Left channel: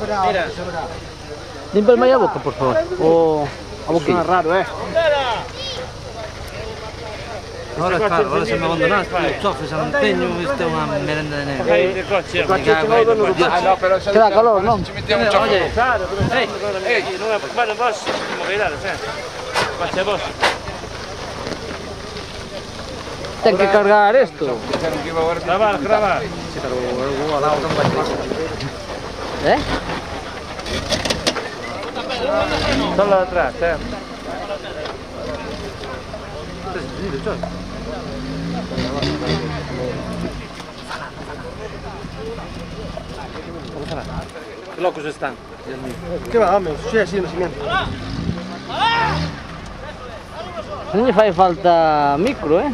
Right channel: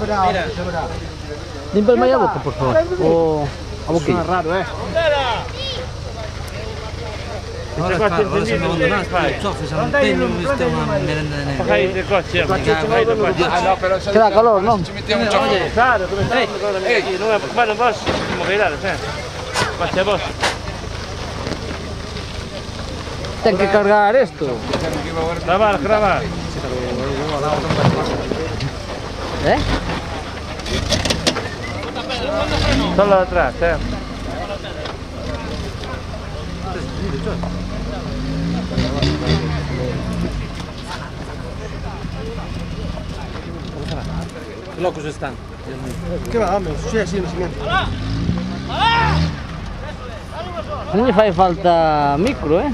Mira. Límpiame a boca, por favor. O a boquilla. Suena raro, Ora claro, ora se mi abbandonato, soffre, se non impegno, questa è una merenda di neve. Fai dei cocci, no, però Che dà calore, no? ci mettiamo un gioco. Claro, come stai? Ma non posso, come vedete, senti. Faccia a posto. Hay que cargar esto. Grabar. ¿Eh? Solo atrás, Che loco se stanno. Che va, non succede niente. Non gli fai falta micro, eh?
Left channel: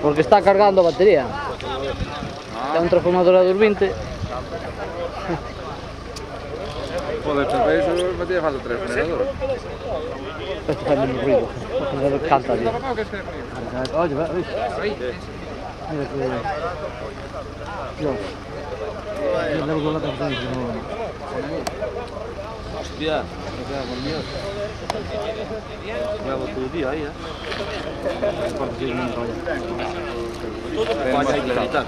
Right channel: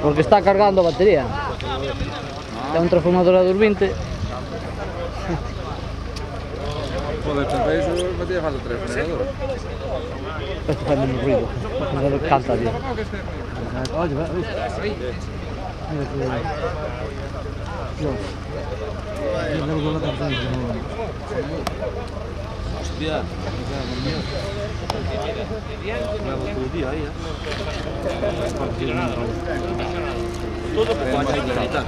Porque está cargando batería. Es un transformador a 220. Joder, para eso me tiene falta 3 generadores. Esto fa menos ruido. Me canta, tío. Oye, va, Hostia, bravo todo el día ahí, Todo por vaya a verità.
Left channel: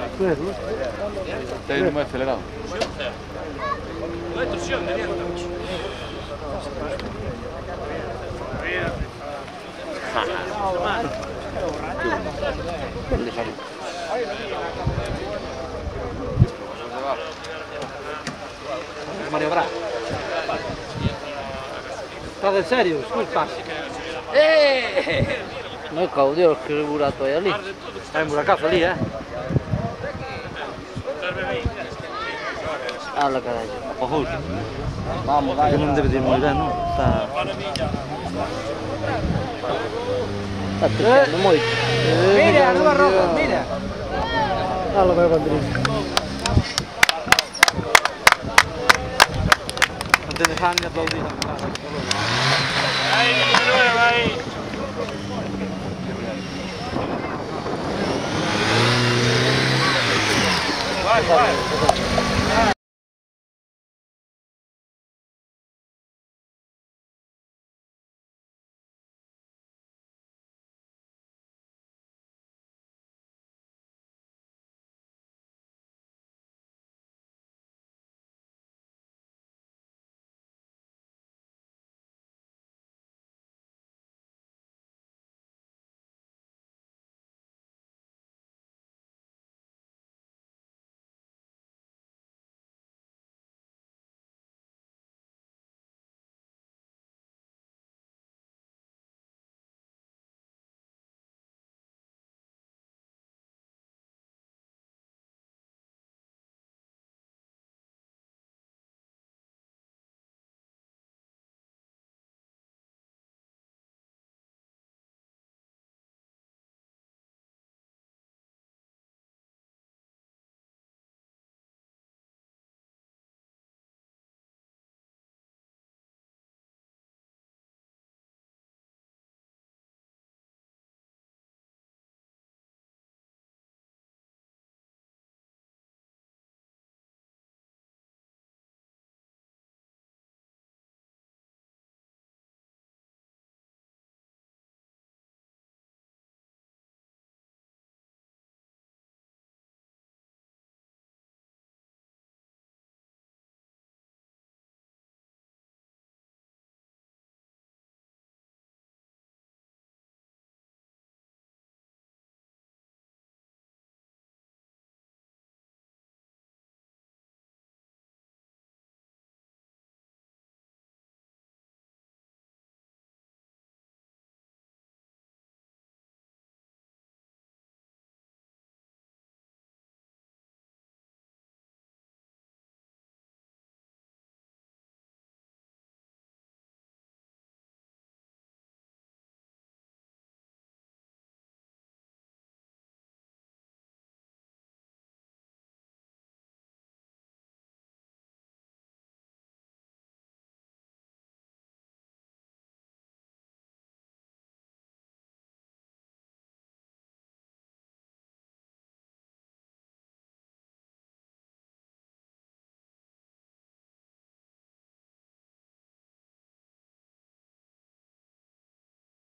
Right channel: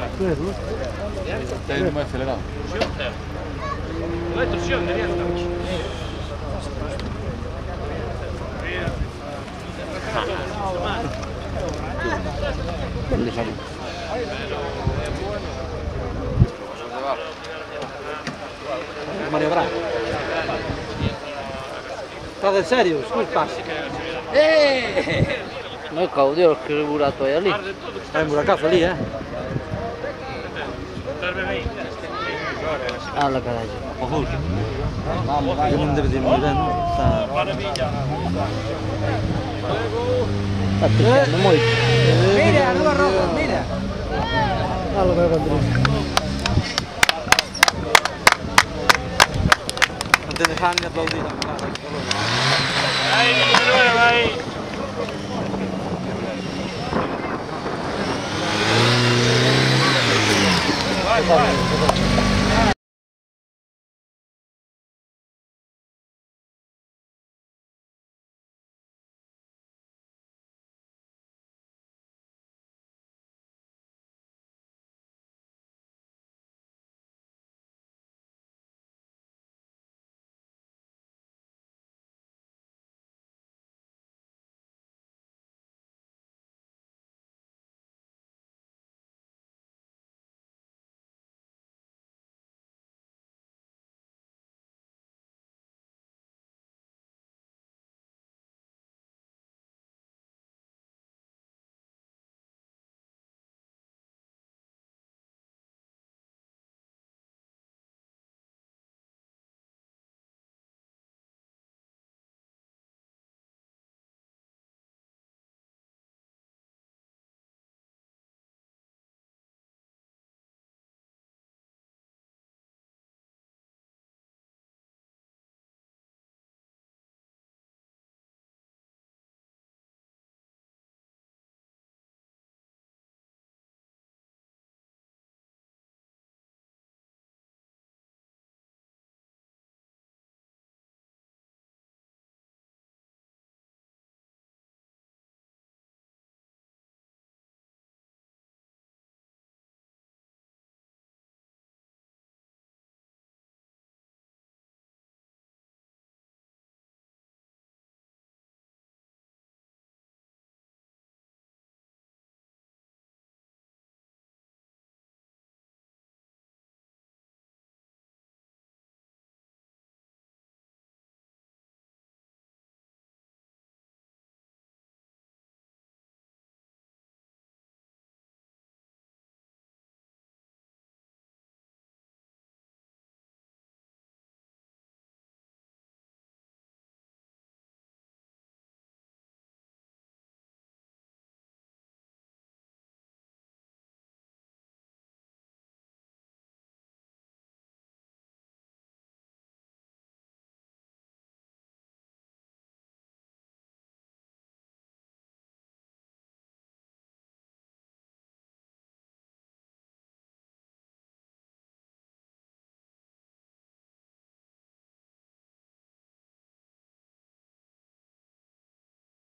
Stai non mai accelerato. Ho detto sì, niente. Mario Bra. State serio? Scusa. No è caudio che è burato lì. È un buracato lì, Alla caraja. Vamos, dai. Che non deve dire morire, no? Sta toccando molto. Mira, nuova roba, mira. Allora vai Rodrigo. non te ne fanno applaudire. Vai. Vai.